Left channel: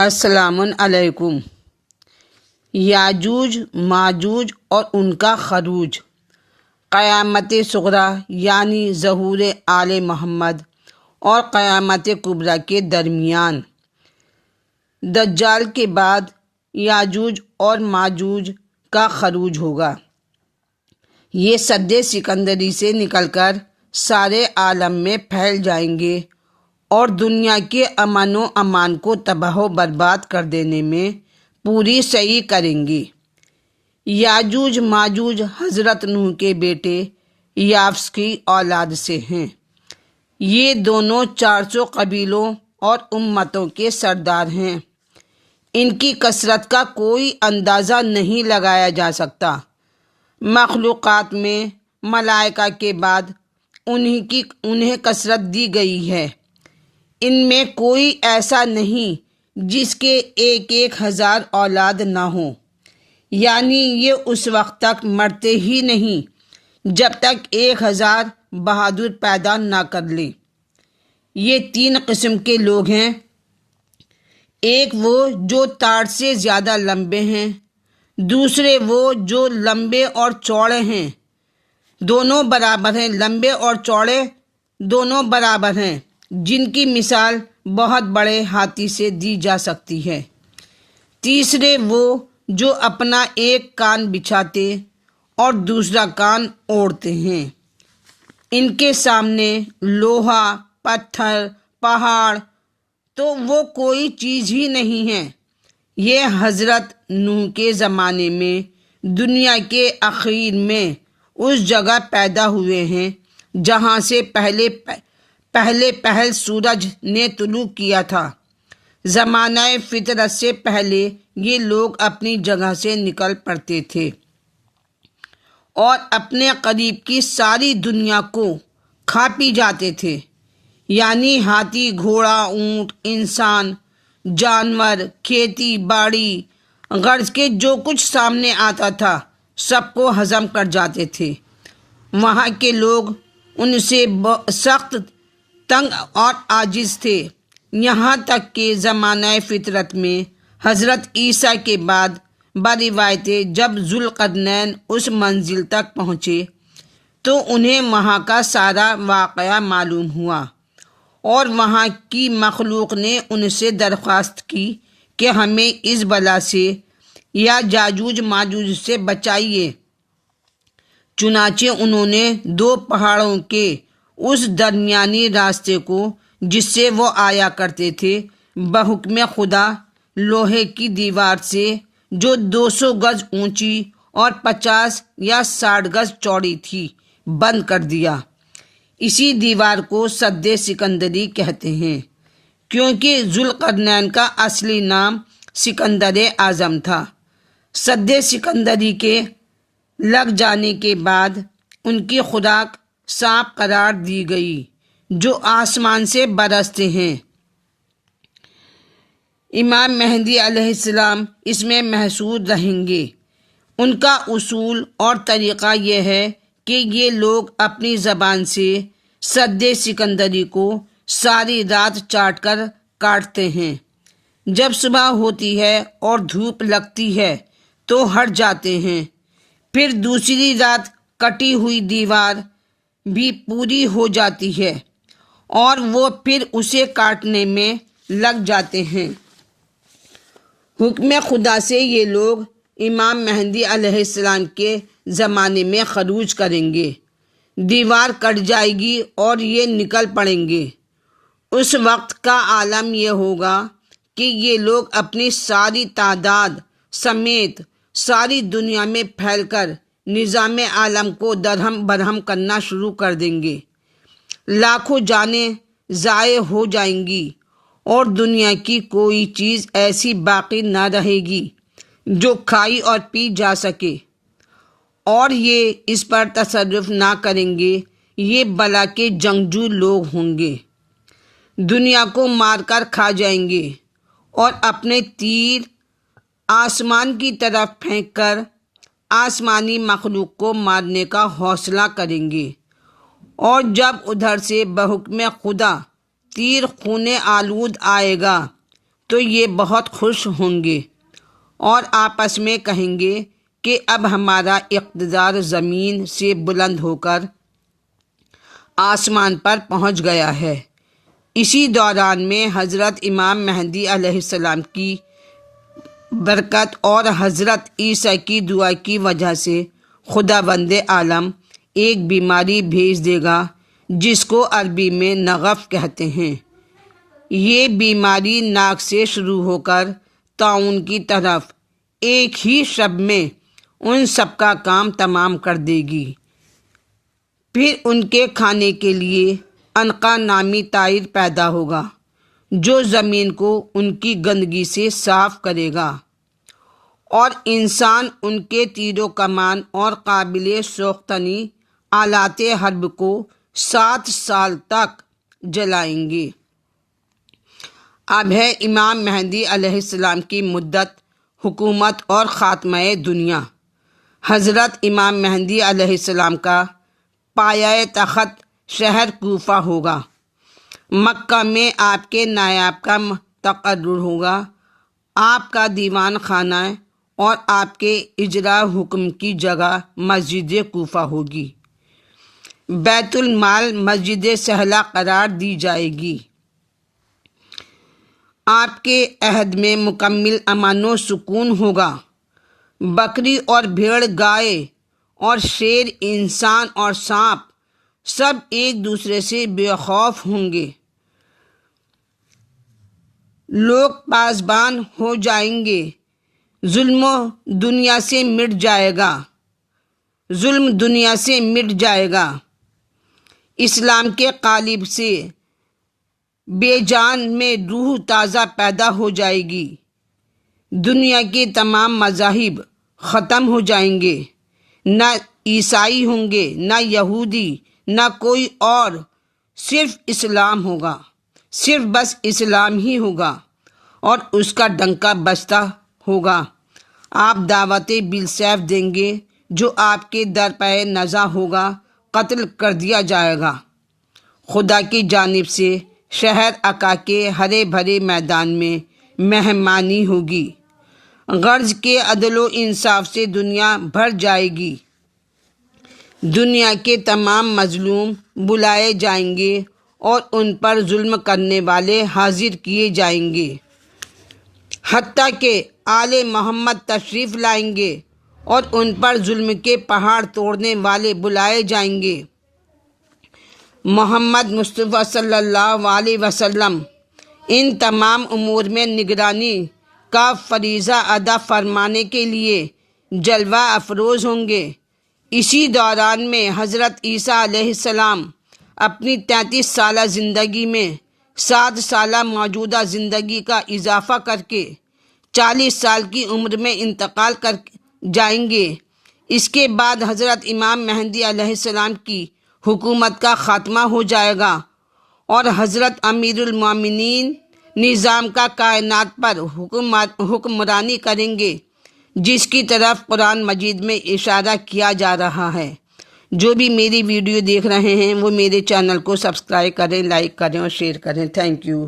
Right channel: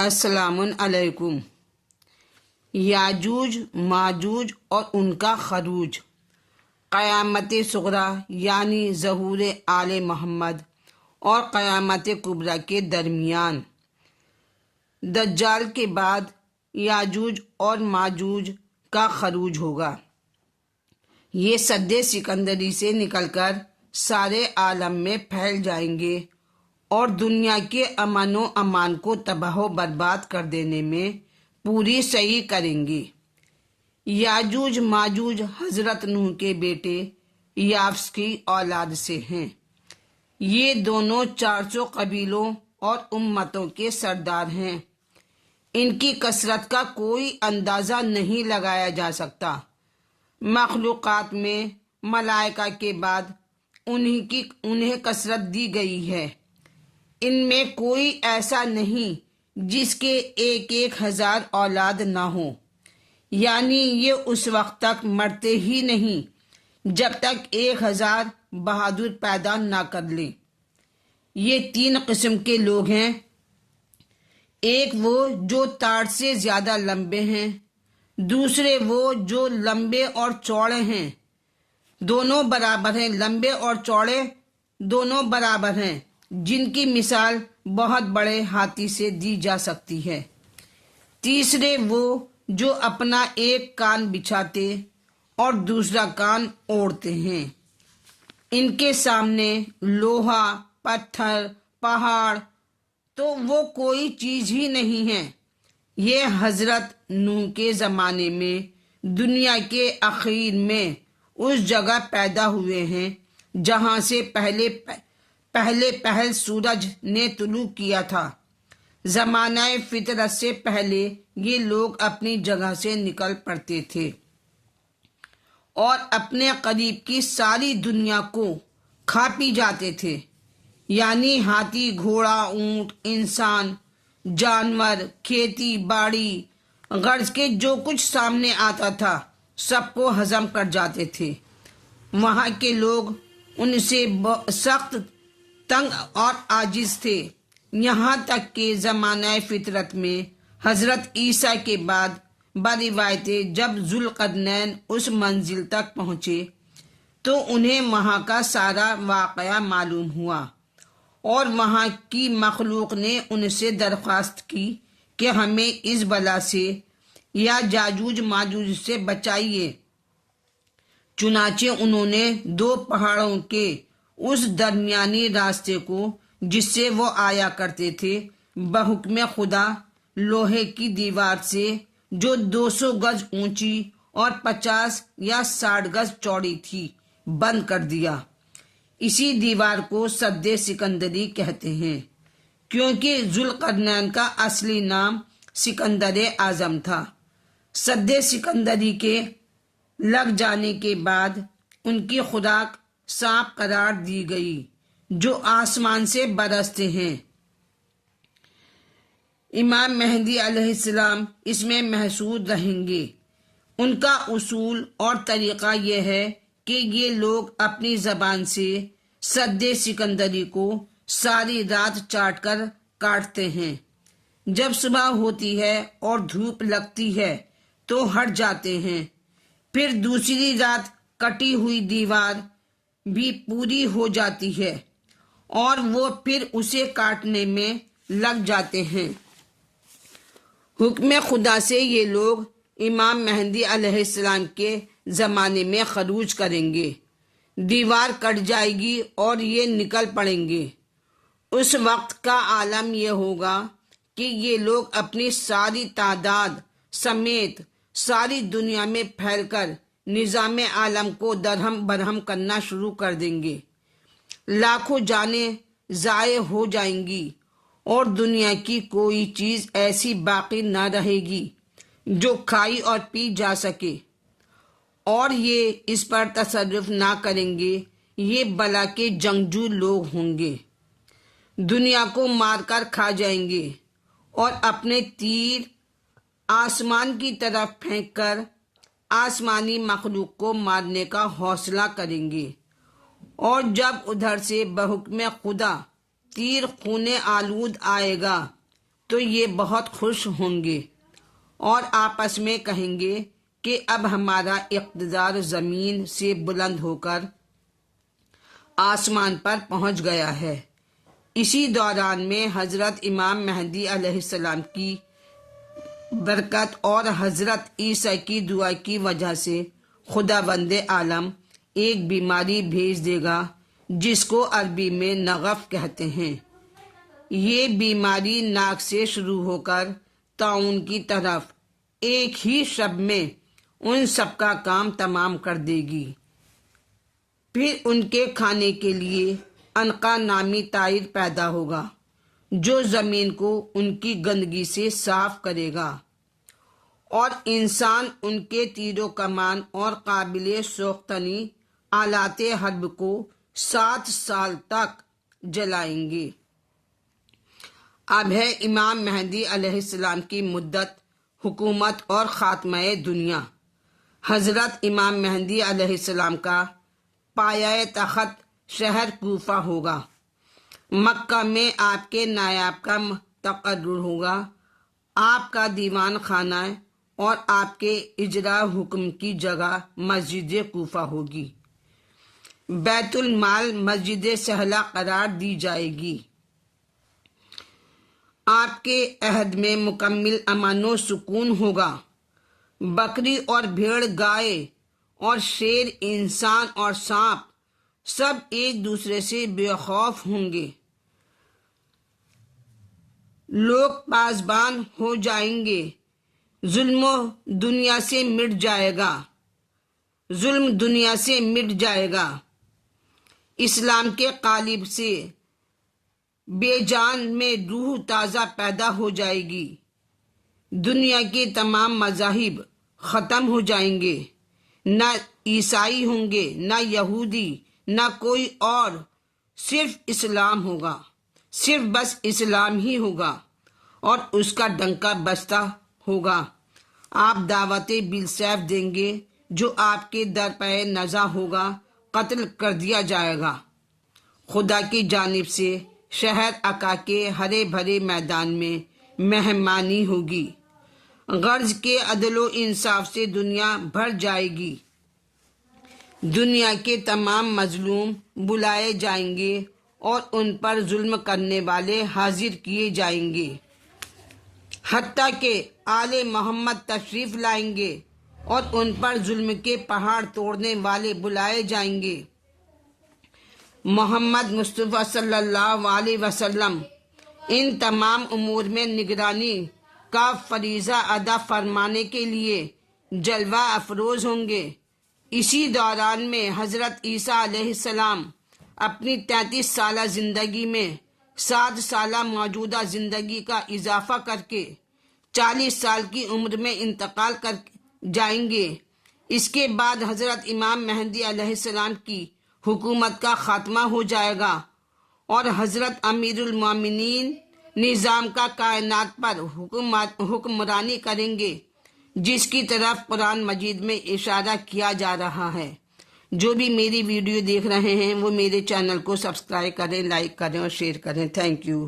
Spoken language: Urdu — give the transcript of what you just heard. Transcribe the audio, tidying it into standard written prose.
السلام علیکم۔ یاجوج ماجوج اور ان کا خروج، قیامت صغری یعنی ظہور آل محمد اور قیامت کبریٰ کے درمیان، دجال کے بعد یاجوج اور ماجوج کا خروج ہوگا۔ یہ سد سکندری سے نکل کر سارے عالم میں پھیل جائیں گے اور دنیا کے امن و امان کو تباہ و برباد کر دینے میں پوری سعی کریں گے۔ یاجوج ماجوج حضرت نوح کے بیٹے یافس کی اولاد سے ہیں۔ یہ دونوں 400 قبیلوں اور امتوں کے سردار ہیں۔ ان کی کثرت کا کوئی اندازہ نہیں لگایا جا سکتا۔ مخلوقات میں ملائکہ کے بعد انہیں کثرت دی گئی ہے۔ ان میں کوئی ایسا نہیں جس کے 1,000 اولاد نہ ہوں، یعنی یہ اس وقت تک مرتے ہی نہیں جب تک 1,000 بہادر پیدا نہ کر لیں۔ یہ 3 قسم کے لوگ ہیں۔ ایک وہ جو تار سے زیادہ لمبے ہیں، دوسرے وہ جو لمبے اور چوڑے ہیں، دونوں برابر ہیں، لمبے اور چوڑے دونوں برابر ہیں، جن کی مثال بہت بڑے ہاتھی سے دی جا سکتی ہے۔ تیسرے وہ جو اپنا ایک کان بچھاتے اور دوسرا کان اوڑھتے ہیں۔ ان کے سامنے لوہا، پتھر، پہاڑ تو وہ کوئی چیز ہی نہیں ہے۔ یہ حضرت نوح کے زمانے میں دنیا کے اخیر میں اس جگہ پیدا ہوئے ہیں جہاں سے پہل سورج نے طلوع کیا تھا۔ زمانہ فطرت سے پہلے یہ لوگ اپنی جگہ سے نکل پڑتے تھے اور اپنے قریب کی ساری دنیا کو کھا پی جاتے تھے، یعنی ہاتھی، گھوڑا، اونٹ، انسان، جانور، کھیتی باڑی، غرض کے جو کچھ سامنے آتا تھا سب کو ہضم کر جاتے تھے۔ وہاں کے لوگ ان سے سخت تنگ اور عاجز تھے، یہاں تک کہ زمانہ فطرت میں حضرت عیسیٰ کے بعد بروایت جب ذوالقرنین اس منزل تک پہنچے تو انہیں وہاں کا سارا واقعہ معلوم ہوا اور وہاں کی مخلوق نے ان سے درخواست کی کہ ہمیں اس بلا سے یا یاجوج ماجوج سے بچائیے۔ چنانچہ انہوں نے 2 پہاڑوں کے اس درمیانی راستے کو جس سے وہ آیا کرتے تھے بحکم خدا لوہے کی دیوار سے جو 200 گز اونچی اور 50 یا 60 گز چوڑی تھی بند کر دیا۔ اسی دیوار کو سد سکندری کہتے ہیں کیونکہ ذوالقرنین کا اصلی نام سکندر اعظم تھا۔ سد سکندری کے لگ جانے کے بعد ان کی خوراک سانپ قرار دی گئی جو آسمان سے برستے ہیں۔ امام مہدی علیہ السلام اس میں محصور رہیں گے۔ ان کا اصول اور طریقہ یہ ہے کہ یہ لوگ اپنی زبان سے سد سکندری کو ساری رات چاٹ کر کاٹتے ہیں۔ جب صبح ہوتی ہے اور دھوپ لگتی ہے تو ہٹ جاتے ہیں، پھر دوسری رات کٹی ہوئی دیوار بھی پوری ہو جاتی ہے اور وہ پھر اسے کاٹنے میں لگ جاتے ہیں۔ حکم خدا سے یہ لوگ امام مہدی علیہ السلام کے زمانے میں خروج کریں گے۔ دیوار کٹ جائے گی اور یہ نکل پڑیں گے۔ اس وقت کا عالم یہ ہوگا کہ یہ لوگ اپنی ساری تعداد سمیت ساری دنیا میں پھیل کر نظام عالم کو درہم برہم کرنا شروع کر دیں گے۔ لاکھوں جانیں ضائع ہو جائیں گی اور دنیا کی کوئی چیز ایسی باقی نہ رہے گی جو کھائی اور پی جا سکے، اور یہ اس پر تصرف نہ کریں گے۔ یہ بلا کے جنگجو لوگ ہوں گے، دنیا کو مار کر کھا جائیں گے اور اپنے تیر آسمان کی طرف پھینک کر آسمانی مخلوق کو مارنے کا حوصلہ کریں گے، اور جب ادھر سے بحکم خدا تیر خون آلود آئے گا تو یہ بہت خوش ہوں گے اور آپس میں کہیں گے کہ اب ہمارا اقتدار زمین سے بلند ہو کر آسمان پر پہنچ گیا ہے۔ اسی دوران میں حضرت امام مہدی علیہ السلام کی برکت اور حضرت عیسیٰ کی دعا کی وجہ سے خداوند عالم ایک بیماری بھیج دے گا جس کو عربی میں نغف کہتے ہیں۔ یہ بیماری ناک سے شروع ہو کر طاعون کی طرف ایک ہی شب میں ان سب کا کام تمام کر دے گی۔ پھر ان کے کھانے کے لیے عنقا نامی طائر پیدا ہوگا جو زمین کو ان کی گندگی سے صاف کرے گا، اور انسان ان کے تیر و کمان اور قابل سوختنی آلات حرب کو 7 سال تک جلائیں گے۔ اب ہے امام مہدی علیہ السلام کی مدت، حکومت اور خاتمہ دنیا۔ حضرت امام مہدی علیہ السلام کا پایہ تخت شہر کوفہ ہوگا۔ مکہ میں آپ کے نائب کا تقرر ہوگا۔ آپ کا دیوان خانہ اور آپ کے اجرا حکم کی جگہ مسجد کوفہ ہوگی۔ بیت المال مسجد سہلہ قرار دی جائے گی۔ آپ کے عہد میں مکمل امن و سکون ہوگا۔ بکری اور بھیڑ، گائے اور شیر، انسان اور سانپ سب ایک دوسرے سے بے خوف ہوں گے۔ لوگ پاسبان ہو جائیں گے۔ ظلم دنیا سے مٹ جائے گا۔ ظلم دنیا سے مٹ جائے گا۔ اسلام کے قالب سے بے جان میں روح تازہ پیدا ہو جائے گی۔ دنیا کے تمام مذاہب ختم ہو جائیں گے۔ نہ عیسائی ہوں گے، نہ یہودی، نہ کوئی اور، صرف اسلام ہوگا۔ صرف بس اسلام ہی ہوگا اور اس کا ڈنکا بجتا ہوگا۔ آپ دعوت بالسیف دیں گے، جو آپ کے در پہ نزا ہوگا قتل کر دیا جائے گا۔ خدا کی جانب سے شہر عکا کے ہرے بھرے میدان میں مہمانی ہوگی۔ غرض کے عدل و انصاف سے دنیا بھر جائے گی۔ دنیا کے تمام مظلوم بلائے جائیں گے اور ان پر ظلم کرنے والے حاضر کیے جائیں گے، حتیٰ کہ آل محمد تشریف لائیں گے اور ان پر ظلم کے پہاڑ توڑنے والے بلائے جائیں گے۔ محمد مصطفیٰ صلی اللہ علیہ وسلم ان تمام امور میں نگرانی کا فریضہ ادا فرمانے کے لیے جلوہ افروز ہوں گے۔ اسی دوران میں حضرت عیسیٰ علیہ السلام اپنی 33 سالہ زندگی میں 7 سالہ موجودہ زندگی کا اضافہ کر کے 40 سال کی عمر میں انتقال کر جائیں گے۔ اس کے بعد حضرت امام مہدی علیہ السلام کی حکومت کا خاتمہ ہو جائے گا اور حضرت امیر المومنین نظام کا کائنات پر حکمرانی کریں گے، جس کی طرف قرآن مجید میں اشارہ کیا جا رہا ہے۔ جو بھی میری ویڈیو دیکھ رہے ہیں وہ میرے چینل کو سبسکرائب کریں، لائک کریں اور شیئر کریں۔ Thank you.